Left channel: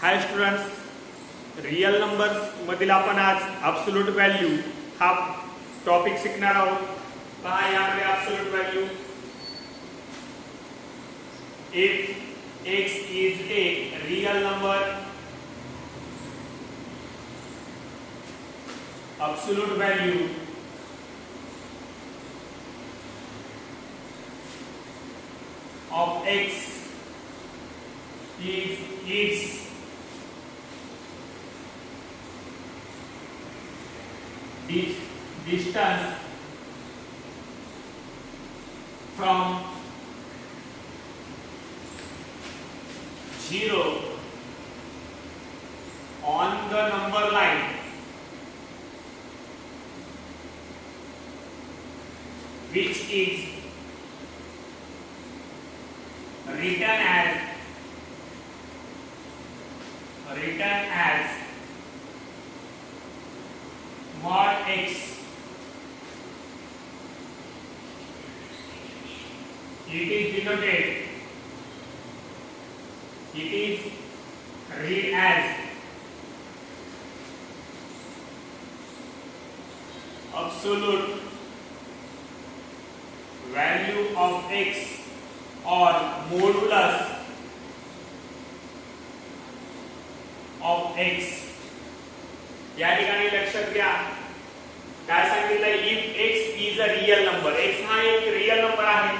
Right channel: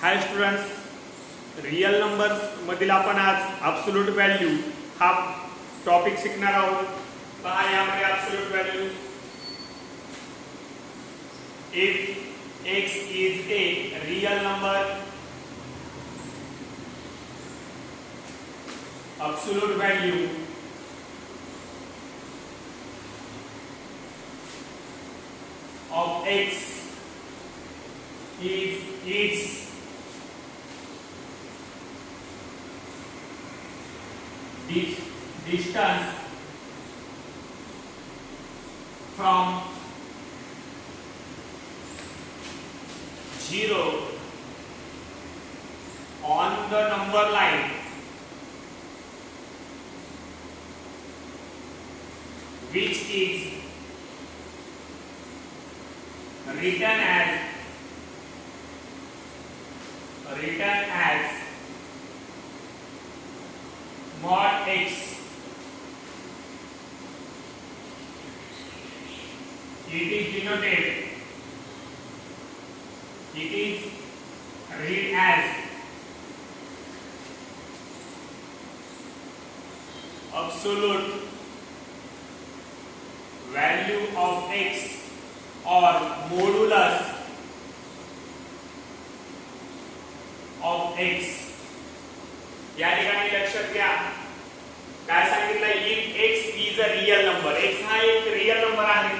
हाय students, real numbers मधील आपण आज ॲब्सोल्यूट व्हॅल्यू हा टॉपिक शिकणार आहोत. पहा यामध्ये absolute value if x is a real number, absolute value of x is its distance from 0 on the number line which is written as mod x. It is denoted, it is read as absolute value of x or modulus of x. या ठिकाणी लक्षात घ्या काय सांगितलं, if x is a real number, x हा एक real number आहे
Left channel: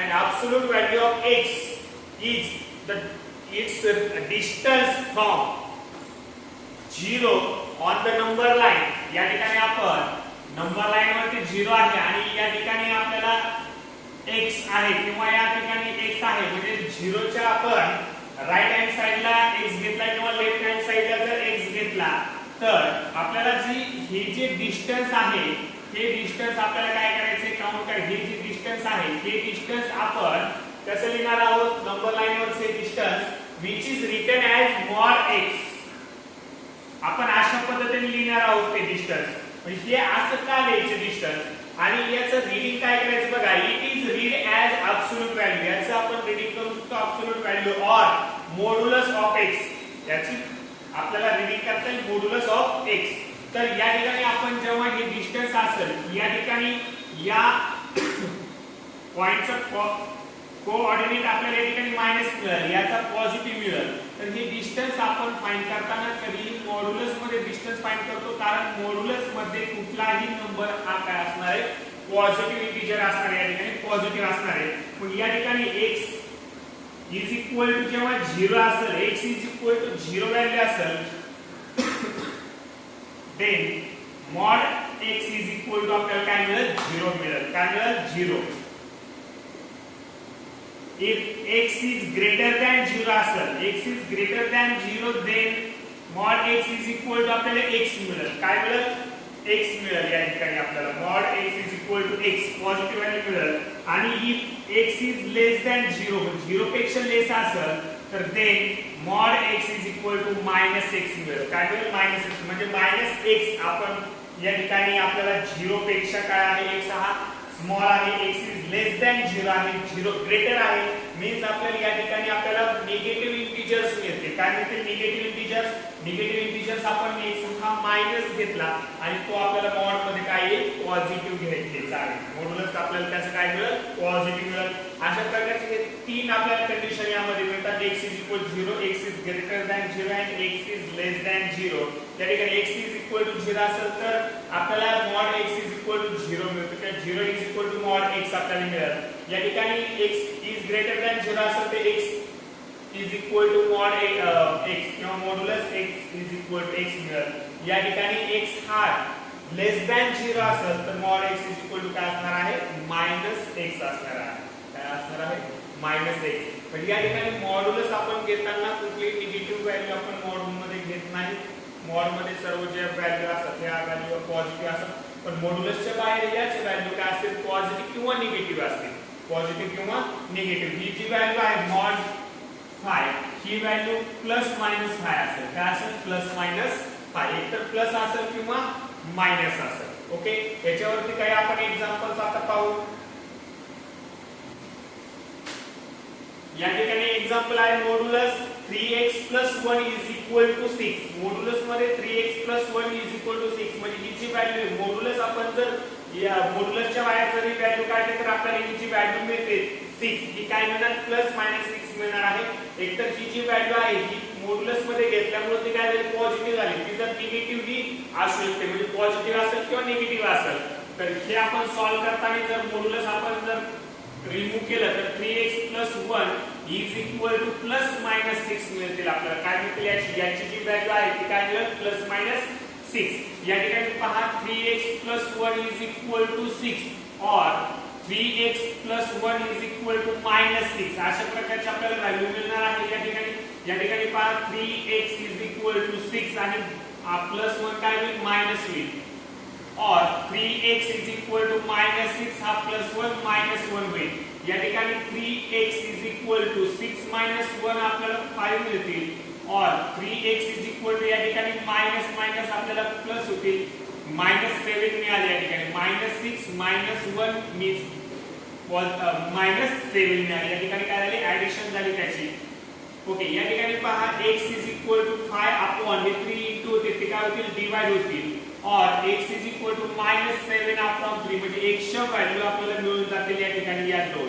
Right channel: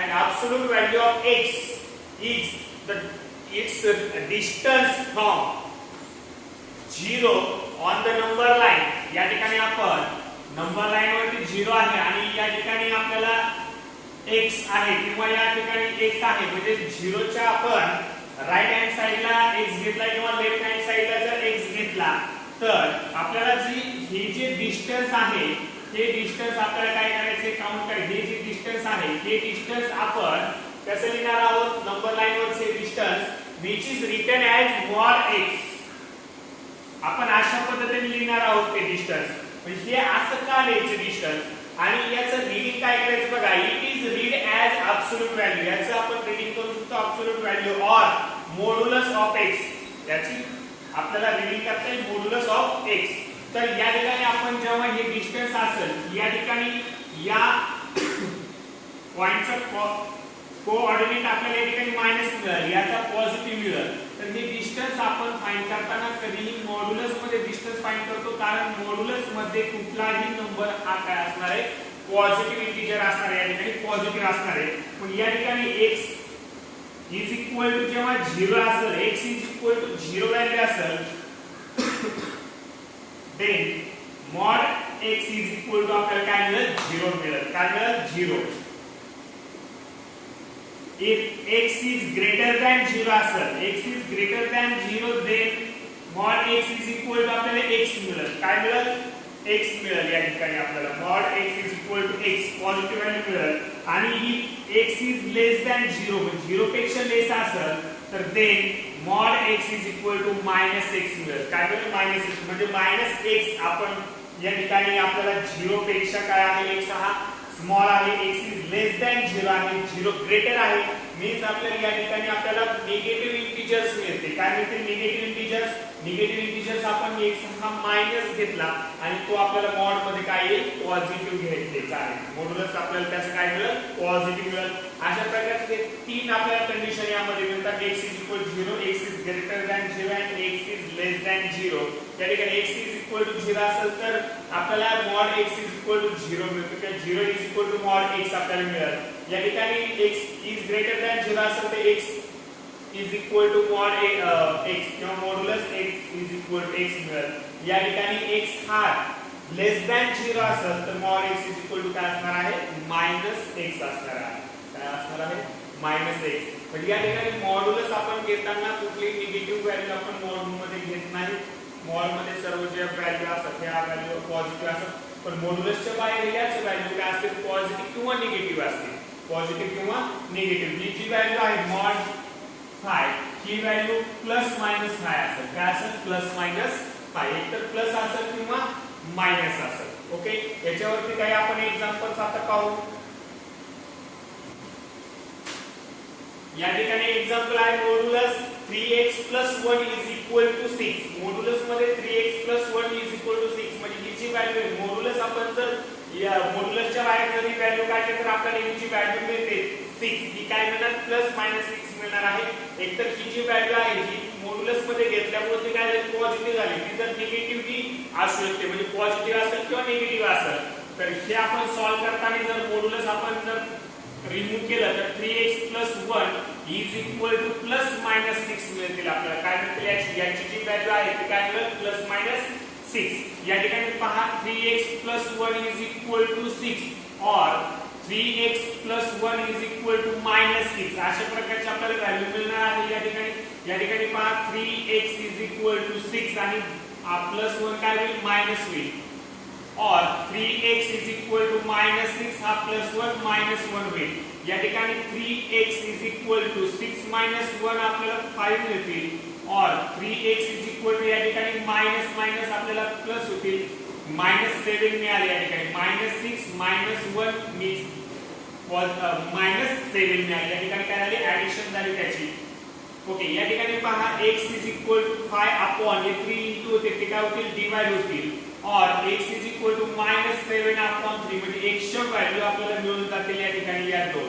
and absolute value of x is its distance from 0 on the number line. या ठिकाणी आपण नंबर लाईन वरती 0 आहे आणि या ठिकाणी आपल्याला x आहे किंवा या ठिकाणी x आहे म्हणजे 0 च्या आपण राईट हँड साइडला x घेतला किंवा लेफ्ट हँड साइडला जर x घेतला तर आपल्याला हे जे डिस्टन्स आहे हे डिस्टन्स आपल्याला काय करायचे, काउंट करायचे. हे जे डिस्टन्स आहे हे डिस्टन्स आपण कसं लिहिणार आहोत, नंबर लाईन वरचे distance which is written as mod x. आपण अशा पद्धतीने लिहिणार आहोत ते डिस्टन्स. म्हणजे हे असं का लिहायचे डिस्टन्स आणि याचं रीडिंग काय करायचं बघा, it is read as absolute value. याचं आपण रीडिंग करू शकतो absolute value or modulus of x. याची आपल्याला रीडिंग करता येईल मॉड्युलस ऑफ x. तर या ठिकाणी आपण जेव्हा हे डिस्टन्स असेल या ठिकाणी या पॉइंटचा कोऑर्डिनेट आपल्याला या ठिकाणी मायनस मिळेल, याचा पॉझिटिव्ह मिळेल. तर हे डिस्टन्स आपण फाइंड करताना कधीही मॉड्युलस मध्ये डिस्टन्स फाइंड करतो, कारण मॉड्युलस मध्ये कुठलाही नंबर हा काय असणार आहे, पॉझिटिव्ह इंटिजर असणार आहे. या ठिकाणी पॉझिटिव्ह असणार आहे. मग या ठिकाणी x इज इक्वल टू जेव्हा 0 असेल, x is equal to 0 value असेल then mod x is equal to आपल्याला काय मिळेल, 0 मिळेल. काय मिळेल, 0. if x is greater than 0 असेल, x is greater than 0 then mod x is equal to आपल्याला x मिळेल. काय मिळेल, x मिळेल. या ठिकाणी आपल्याला mod x is equal to x positive value मिळेल. आणि if x is less than 0 म्हणजे 0 पेक्षा लेस असेल तर then mod x is equal to minus x मिळेल. काय मिळेल, मायनस x. म्हणजे मायनस x आपण या ठिकाणी आपल्याला 0 पेक्षा काय आहे, x हा स्मॉल आहे, x इज लेस दॅन 0 आहे, 0 ग्रेटर आहे. मीन्स आपल्याला या ठिकाणी आपल्याला निगेटिव्ह इंटिजर्स मिळते. काय मिळते, निगेटिव्ह इंटिजर्स. निगेटिव्ह इंटिजर्स आपण x हा मायनस घेतला आणि तो आपल्याला मॉड मध्ये काय येईल, पॉझिटिव्ह घ्यायचा आहे. मॉड्युलस आपल्याला त्याचं काय मिळेल, पॉझिटिव्ह मिळेल. अशा प्रकारचे तीन आपल्याला कंडिशन यामध्ये मिळतात. x is equal to 0, x is greater than 0 आणि x इज लेस दॅन 0. या ठिकाणी x इज इक्वल टू 0 असेल तर आपल्याला mod x is equal to 0 मिळते. तर 0 is equal to mod x आपल्याला मिळेल. या ठिकाणी x इज ग्रेटर दॅन 0 असेल तर x is equal to mod x किंवा modulus x is equal to x मिळेल. या ठिकाणी x हा लेस दॅन 0 असेल तर mod x is equal to काय असणार आहे, मायनस x असणार आहे. काय असणार आहे, मायनस x. म्हणजे या ठिकाणी मॉड्युलस आपण घेताना कुठलीही निगेटिव्ह व्हॅल्यू आपण मॉड्यूल मध्ये घेत नाही. मॉड मध्ये सर्व जे व्हॅल्यू असतात त्या व्हॅल्यू पॉझिटिव्ह असतात, पण मॉड्युलसच्या बाहेर याच व्हॅल्यू काय असते, पॉझिटिव्ह किंवा निगेटिव्ह असते. पॉझिटिव्ह किंवा निगेटिव्ह. ही जी व्हॅल्यू आहे mod 5 ही व्हॅल्यू प्लस मायनस 5 असेल. काय असेल, प्लस मायनस 5. एक तर प्लस असेल किंवा मायनस असेल. ओके, याच्यावरती काही आपण एक्झाम्पल्स आता पाहू. या ठिकाणी एक्झाम्पल आहे modulus 3x plus 1 is equal to 6. Modulus मध्ये 3x plus 1 is equal to 6 म्हणजे ही जी व्हॅल्यू आहे मॉड्युलस आपण जर या मॉड्युलसच्या बाहेर जरी व्हॅल्यू काढली तर आपल्याला ही जी व्हॅल्यू मिळते 6 ही काय मिळणार प्लस मायनस 6 मिळणार आहे. एकतर ही जी व्हॅल्यू आहे ही मॉड्युलस मध्ये घेतल्यामुळे ती काय झाली पॉझिटिव्ह झाली. ती जर निगेटिव्ह ही असू शकते म्हणजे पॉझिटिव्ह असेल किंवा निगेटिव्ह असेल. तर हे आपण सॉल्व्ह करताना जर मॉड्युलस आपण जर रिमूव्ह केलं तर 3x plus 1 is equal to plus minus 6 मिळतील आपल्याला. काय मिळतील याची जी व्हॅल्यू आहे ती काय मिळेल प्लस मायनस 6. या ठिकाणी पहा 3x plus 1 is equal to 6 or 3x plus 1 is equal to minus 6 अशा प्रकारची आपल्याला व्हॅल्यू मिळणार आहे. या ठिकाणी पहा 3x is equal to 6 आणि प्लस 1 काय होईल मायनस होईल और 3x is equal to minus 6 हा प्लस 1 मायनस 1 होईल. या ठिकाणी 3x is equal to 6 minus 1 आपल्याला 5 मिळतील और 3x is equal to या ठिकाणी मायनस मायनस आपल्याला प्लस होतील मायनस 7 मिळाले. या ठिकाणी मायनस 6 मायनस 1 मीन्स मायनस 7 मिळाले. या ठिकाणी काय झाले ऍडिशन झाली त्याची. ओके या ठिकाणी पहा x is equal to 5 upon हे 3 इंटू होते ते काय होतील डिवाइड होतील और x is equal to minus 7 upon 3 म्हणजे x ची व्हॅल्यू आपल्याला मिळून जाते या ठिकाणी या दोन.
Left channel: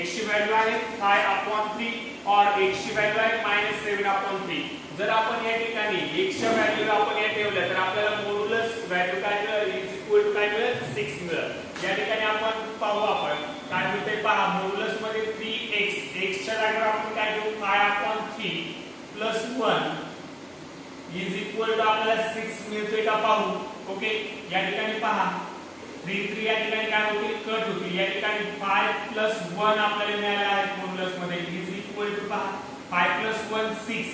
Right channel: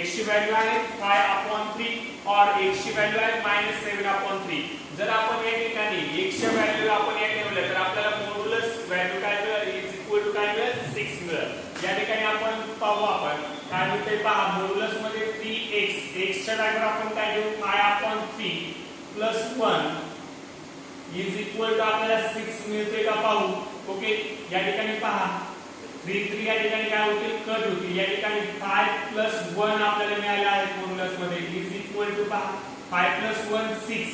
x ची व्हॅल्यू आहे 5 upon 3 और x ची व्हॅल्यू आहे minus 7 upon 3. जर आपण या ठिकाणी x ची व्हॅल्यू आपण या ठेवलं तर आपल्याला मॉड्युलस व्हॅल्यू काय मिळेल is equal to काय मिळेल 6 मिळेल. या ठिकाणी आपण पाहू आपण काय होते पहा मॉड्युलस मध्ये 3x x च्या जागेवर आपण काय घेऊ 5 upon 3 plus 1 is equal to आपल्याला 6 मिळते का पाहू. ओके या ठिकाणी पहा 3 या ठिकाणी काय होतील कट होतील. या ठिकाणी 5 plus 1 आपल्याला मिळाले आहे मॉड्युलस मध्ये is equal to पहा 5 plus 1 6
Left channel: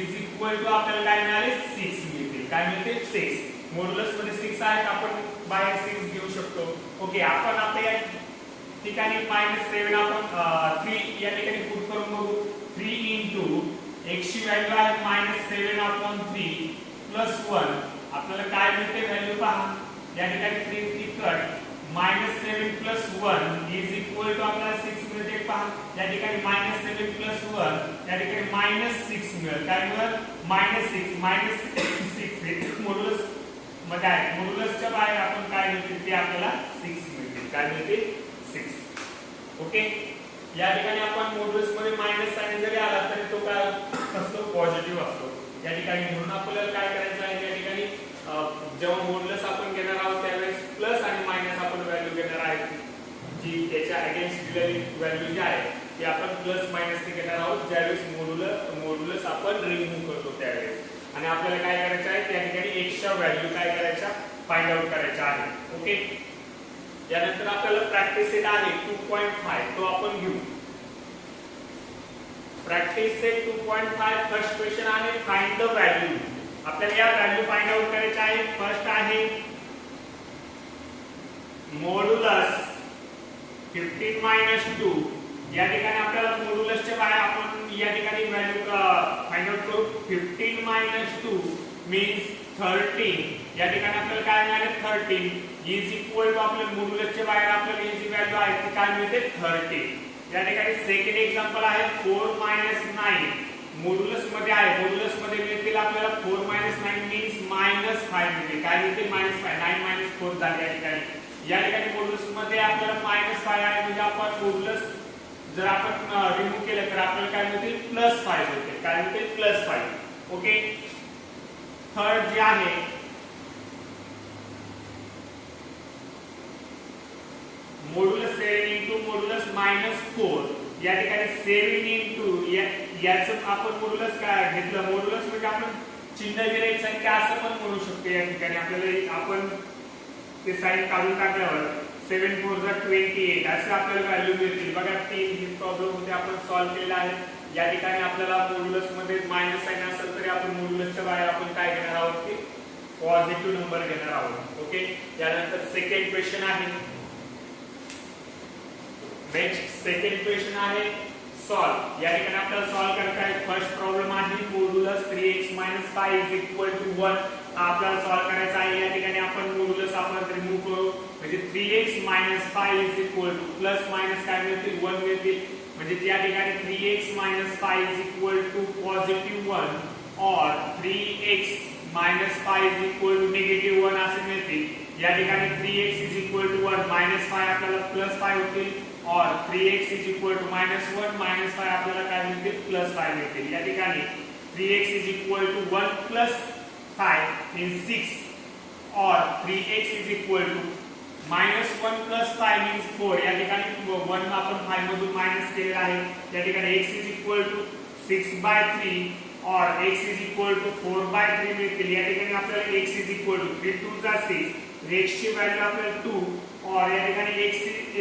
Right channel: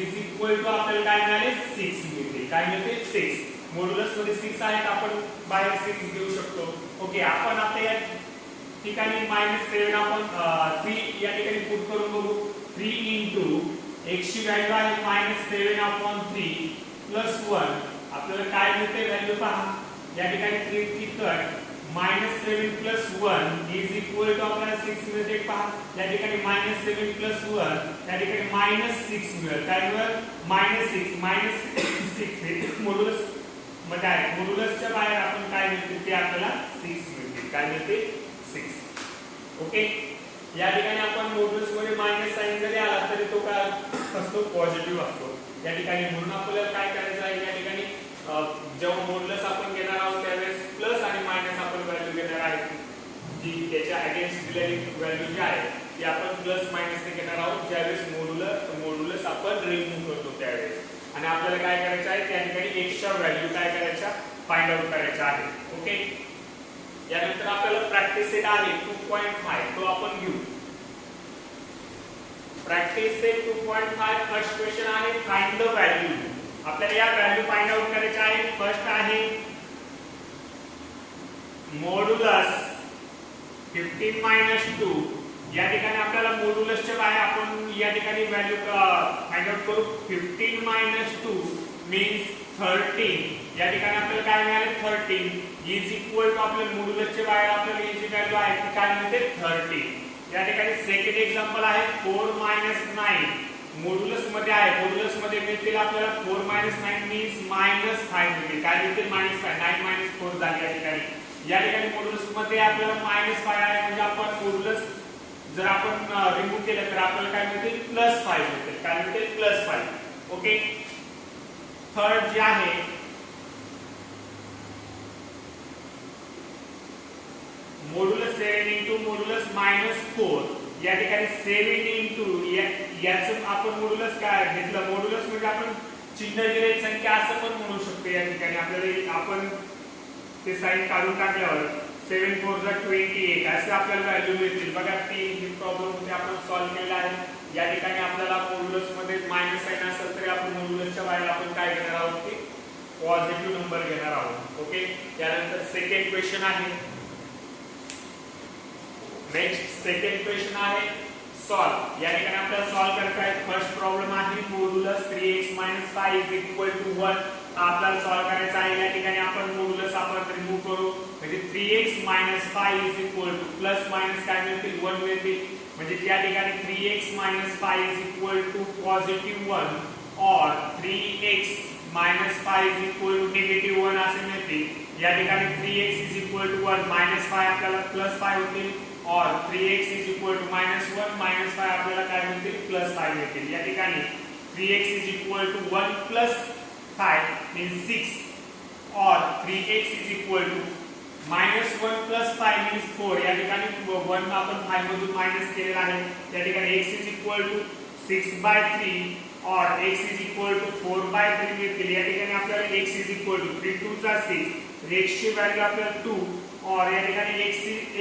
is equal to आपल्याला काय मिळाले 6 मिळते. काय मिळते 6. मॉड्युलस मध्ये 6 आहेत आपण बाहेर 6 घेऊ शकतो. ओके आपण आपल्या या ठिकाणी -7 आपण 3 या ठिकाणी पुट करून बघू. 3 into x ची व्हॅल्यू आहे -7 upon 3 plus 1 आपल्याला काय मिळते व्हॅल्यू पहा. या ठिकाणी 3 cut -7 plus 1 is equal to आपल्याला 6 मिळते पहा. या ठिकाणी -7 plus 1 या ठिकाणी -6 मिळेल. काय मिळेल -6 हे मॉड्युलस मध्ये आहे. मॉड्युलसच्या बाहेर आपण काय मिळते ते आपल्याला 6 मिळते. काय मिळते 6. ओके या ठिकाणी आपण मॉड्युलस मध्ये मायनस साइन जरी आला तरी तो काय असतो पॉझिटिव्ह असतो. या ठिकाणी म्हणून आपल्याला काय करायचं आहे या ठिकाणी जेव्हा मॉड्युलस आपण घेणार आहोत त्यावेळेस प्लस आणि मायनस आपण व्हॅल्यू घेणार आहे जी त्याच्या अगेन्स्ट दिलेली व्हॅल्यू जी आहे ती आपण प्लस मायनस ने घेणार आहोत ज्यावेळेस मॉड्युलस आपण रिमूव्ह करतो त्यावेळेस. आणि आपल्याला काय करायचं आहे त्या ठिकाणी एक्सच्या व्हॅल्यू काय करायच्या फाइंड आउट करायच्या आहे. ओके यानंतर आपल्याला प्रॅक्टिस सेट आहे 2.5 तो आपण घेऊ. प्रॅक्टिस सेट 2.5 फर्स्ट क्वेश्चन आहे फाइंड द व्हॅल्यू. आपल्याला या व्हॅल्यू फाइंड आउट करायच्या आहे. फर्स्ट आहे मॉड्युलस 15 - 2. या ठिकाणी आपल्याला मॉड्युलसच्या बाहेर आपण या ठिकाणी व्हॅल्यू फाइंड आउट करू. 15 - 2 मीन्स 13. या ठिकाणी आपल्याला काय मिळाले 13 इज इक्वल टू आपल्या मॉड्युलसच्या बाहेर आपल्याला ही जी व्हॅल्यू आहे ती काय मिळते 30. या ठिकाणी सेकंड एक्झाम्पल आहे 4 - 9. मॉड्युलस मध्ये आहे मॉड्युलस मध्ये मिळतील आपल्याला 4 - 9 मीन्स -5 मिळते. काय मिळते -5 9 - 4 झाले. या ठिकाणी मॉड्युलस मध्ये आपल्याला -5 आहे म्हणजे आपण मॉड्युलस जर आपण रिमूव्ह केलं तर आपल्याला काय मिळते +5 मिळते. काय मिळते +5. ओके थर्ड जे आहे मॉड्युलस 7 into मॉड्युलस -4. या ठिकाणी 7 into याचं आपण मॉड्युलस काय घेतलं मॉड्युलस म्हणजे आपण चिन्ह दिले संख्या असं पण म्हणू शकतो. या ठिकाणी आपल्याला आपण ते साइन काढून टाकल्यावर 7 4 28 असे आपल्याला व्हॅल्यू मिळतील. बघा ही प्रॉब्लेम होते आपण सॉल्व्ह केला आहे. या ठिकाणी आपल्याला मॉड्युलस मध्ये मायनस साइन असेल तरी आपण मॉड्युलसच्या बाहेर आपण काय घेणार आहोत की पॉझिटिव्ह नंबर घेणार आहोत. ओके त्यानंतर सेकंड क्वेश्चन आहे. नेक्स्ट सेकंड क्वेश्चन आहे सॉल्व. या ठिकाणी आपल्याला सॉल्व करायचा आहे. फर्स्ट प्रॉब्लेम आहे modulus 3x - 5 is equal to 1 आपल्याला सॉल्व्ह करायचा आहे. या ठिकाणी आपण मॉड्युलस आपण रिमूव्ह करू. म्हणजे 3x - 5 is equal two plus minus काय मिळतील 1 मिळतील. म्हणजे त्या ठिकाणी 3x - 5 is equal to positive 1 और 3x - 5 is equal to negative 1 असे मिळतील. या ठिकाणी 3x इज इक्वल टू 1 -5 आपल्याला +5 होतील और 3x इज इक्वल टू -1 -5 आपल्याला काय मिळतील +5 मिळतील. या ठिकाणी 3x is equal to 1 + 5 means 6 और 3x is equal to -1 + 5 means 4. या ठिकाणी 1 आपण 5 मधून मायनस केलेला आहे. या ठिकाणी x इज इक्वल टू 6/3 और x इज इक्वल टू 4/3 मिळतील. या ठिकाणी आपल्याला x is equal to 3 2 = 6. x ची व्हॅल्यू आपल्याला 2 और या ठिकाणी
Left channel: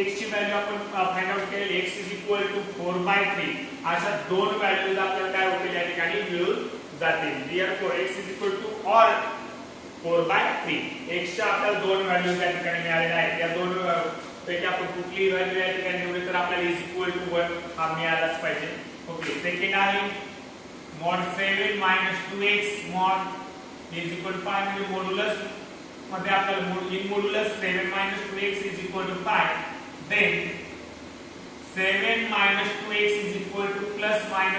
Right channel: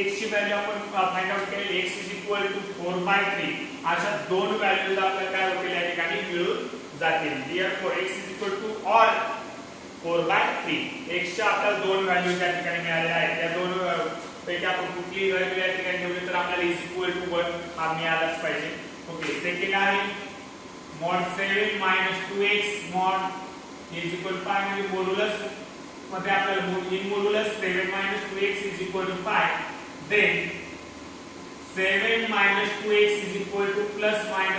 x ची व्हॅल्यू आपण फाइंड आउट केली. x is equal to 4/3. अशा दोन व्हॅल्यूज आपल्याला काय होतील या ठिकाणी मिळून जातील. therefore x is equal to और 4/3. x च्या आपल्याला दोन व्हॅल्यूज या ठिकाणी मिळालेल्या आहेत. या दोन पैकी आपण कुठली व्हॅल्यू या ठिकाणी निवडली तर आपल्याला इज इक्वल टू 1 हा मिळालाच पाहिजे. ओके, सेकंड आहे mod 7 - 2x mod is equal to 5 म्हणजे मॉड्युलस मध्ये आपल्याला in modulus 7 - 2x is equal to 5. Then 7 - 2x is equal to +- 5.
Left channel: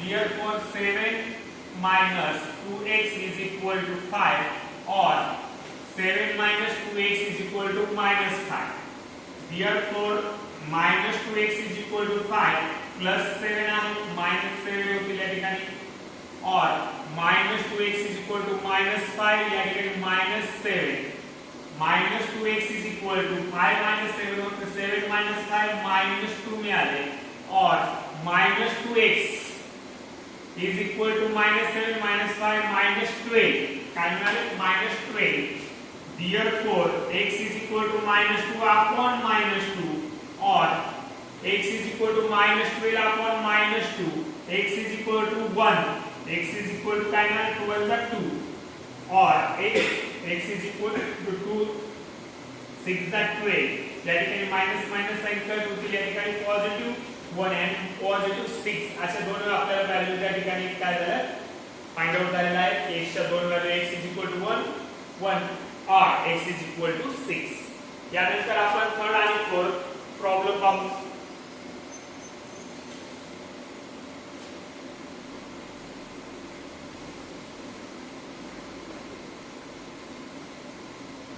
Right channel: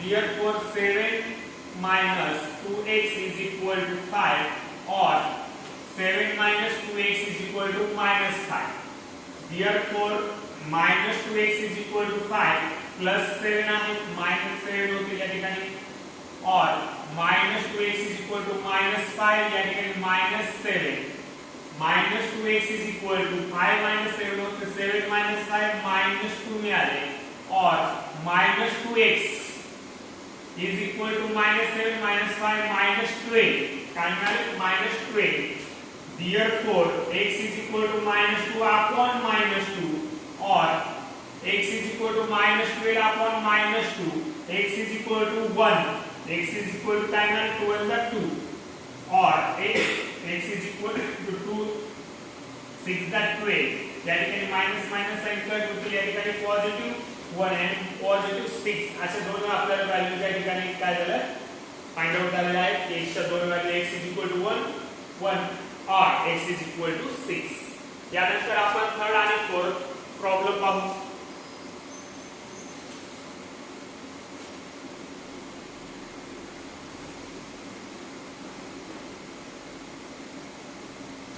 therefore 7 - 2x is equal to 5 और 7 - 2x is equal to -5. therefore -2x is equal to 5 +7 आहे -7 होतील या ठिकाणी और -2x is equal to -5 या ठिकाणी -7. -2x इज इक्वल टू 5 - 7 होते 7 - 5 -2 मिळाले और -2x इज इक्वल टू -7 - 5 -12 काय मिळाले -12. therefore x is equal to -2 upon -2 और x is equal to -12 upon -2. x is equal to 1. x is equal to काय मिळाले 12 = 2 और x इज इक्वल टू 2 6 = 12. या ठिकाणी मायनस मायनस साइन कट होतील. या ठिकाणी पॉझिटिव्ह 1 आणि पॉझिटिव्ह 6 अशा दोन आपल्याला व्हॅल्यूज या ठिकाणी काय झालं फाइंड आउट झालेला आहे. x च्या दोन value x is equal to 1 और x इज इक्वल टू 6. यानंतर आपण थर्ड आणि फोर्थ प्रॉब्लेम पाहू.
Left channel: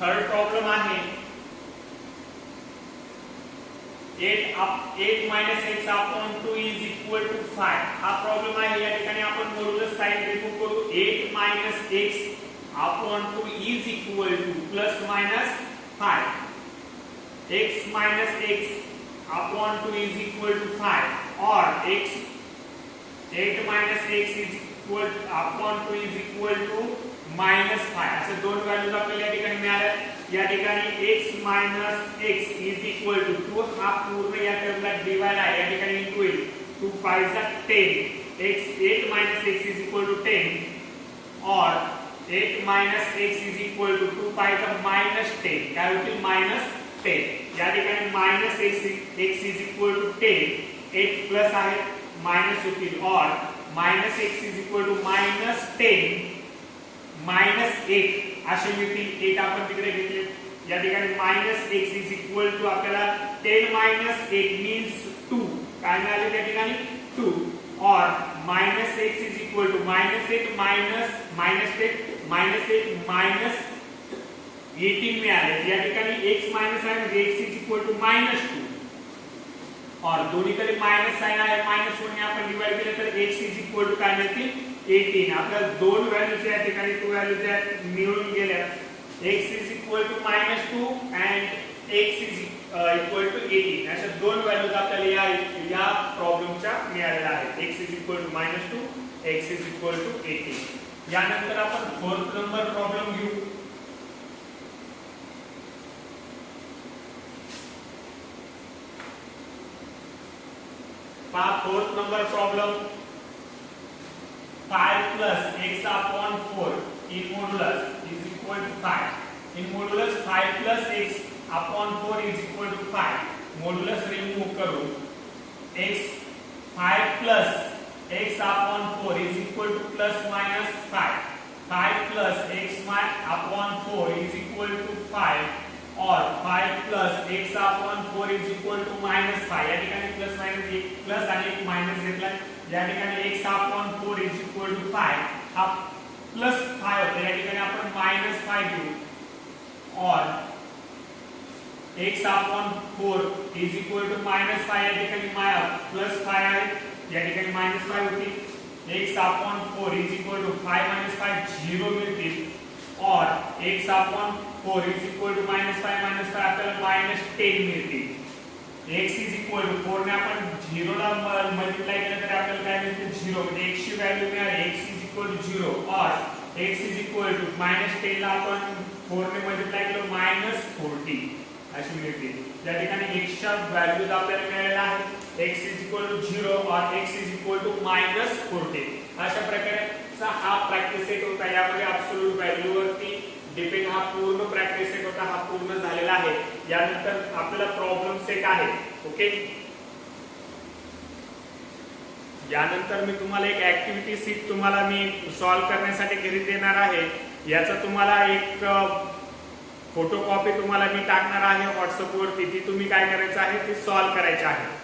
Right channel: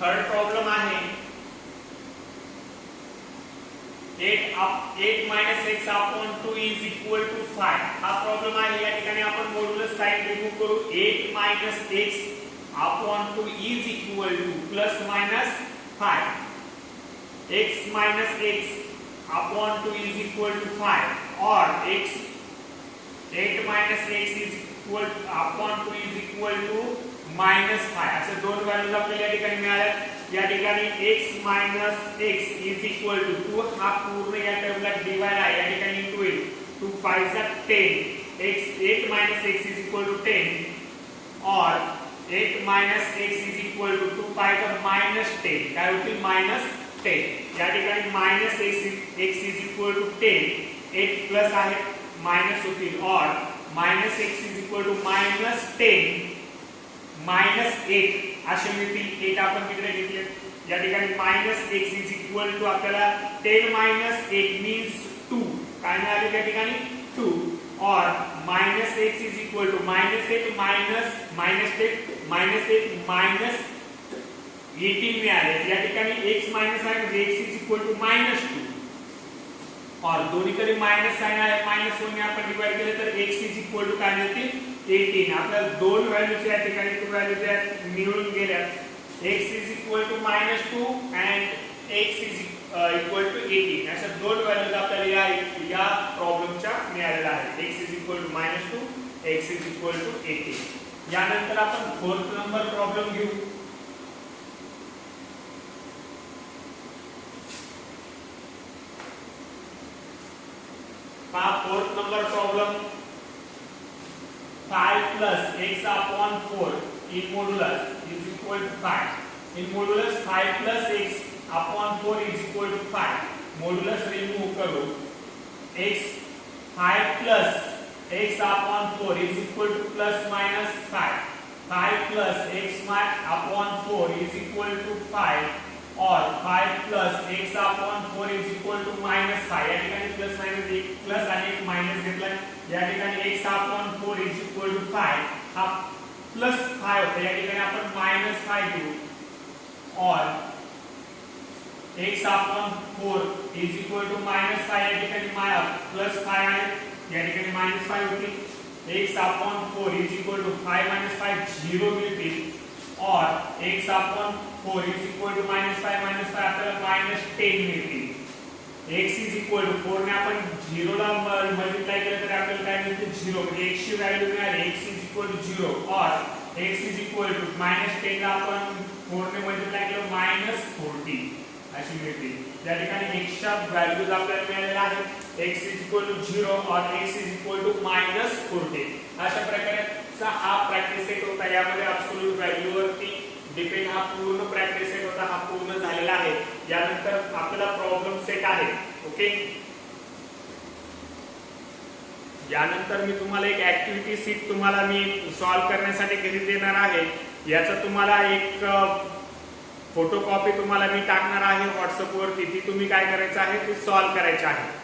थर्ड प्रॉब्लेम आहे 8 - x upon 2 is equal to 5. हा प्रॉब्लेम आहे. या ठिकाणी आपण मॉड्युलस साइन रिमूव्ह करू. 8 - x upon 2 is equal to +- 5. x - x upon 2 is equal to 5 और 8 - x is equal upon 2 is equal to -5. असे दोन व्हॅल्यूज आपल्याला या ठिकाणी मिळाल्या. या ठिकाणी x - x is equal to 2 हा पूर्ण या टर्मला डिवाइड आहे. या ठिकाणी इंटू येईल 2 5 = 10. 8 - x इज इक्वल टू 10 और 8 - x इज इक्वल टू 2 5 = -10 काय होतील -10. या ठिकाणी -x is equal to 10. 8 plus आहे मायनस होतील और -x इज इक्वल टू -10 -8 असे मिळतील. 8 आपण तिकडे घेतले. या ठिकाणी -x इज इक्वल टू आपल्याला 10 - 8 मीन्स 2 काय मिळाले त्या ठिकाणी 2 और -x इज इक्वल टू -8 -18 मिळाले. या ठिकाणी x मायनस आहे म्हणजे x इज इक्वल टू -2 और दोन्हीकडे मायनस साइन आहे. -1 ने आपण डिवाइड केले तर x इज इक्वल टू काय मिळतील 18. आपल्याला दोन व्हॅल्यूज या ठिकाणी टू व्हॅल्यूज मिळून गेल्या. x is equal to -2 and x is equal to 18. अशा दोन व्हॅल्यूज आपल्याला या प्रॉब्लेमच्या मिळालेल्या आहेत. x is equal to -2 x is equal to 18. यानंतर आपण फोर्थ नंबर प्रॉब्लेम घेऊ. Fourth number problem 5 plus x upon 4 in modulus is equal to 5. In modulus 5 plus x upon 4 is equal to 5. Modulus remove करो. x 5 plus x upon 4 is equal to plus minus 5. 5 plus x upon 4 is equal to 5 or 5 plus x upon 4 is equal to minus 5. या ठिकाणी plus minus एक plus आणि एक minus घेतला. या ठिकाणी x upon 4 is equal to 5 हा plus 5 होता. या ठिकाणी आपण मायनस 5 घेऊ और x upon 4 is equal to minus 5. या ठिकाणी प्लस 5 आहे. या ठिकाणी मायनस 5 होती. x upon 4 is equal to 5 minus 5 0 मिळतील और x upon 4 is equal to minus 5 आपल्याला minus 10 मिळतील. x is equal to 4 ने आपण 0 ला मल्टिप्लाय केलं तर आपल्याला काय मिळते 0 म्हणजे x ची व्हॅल्यू मिळाली x is equal to 0 और x is equal to minus 10 ला आपण 4 ने मल्टिप्लाय केलं minus 40 अशी मिळते. या ठिकाणी x च्या व्हॅल्यूज आपल्याला मिळालेल्या आहेत. x is equal to 0 और x is equal to minus 40. अशा प्रकारचा हा प्रॅक्टिस सेट होता. यामध्ये अब्सोल्यूट व्हॅल्यू वरती डिपेंड हा पूर्ण प्रॅक्टिस सेट होता. हा पूर्ण झालेला आहे. यानंतर आपल्याला प्रॉब्लेम सेट आहे. ओके, यानंतर मी तुम्हाला एक ऍक्टिव्हिटी सीट तुम्हाला मी सॉल्व्ह करण्यासाठी घरी देणार आहे. याचा तुम्हाला एक फोटोकॉपी तुम्हाला मी टाकणार आहे व्हॉट्सअप वरती. ती तुम्ही काय करायचं आहे ते सॉल्व्ह करायचे आहे.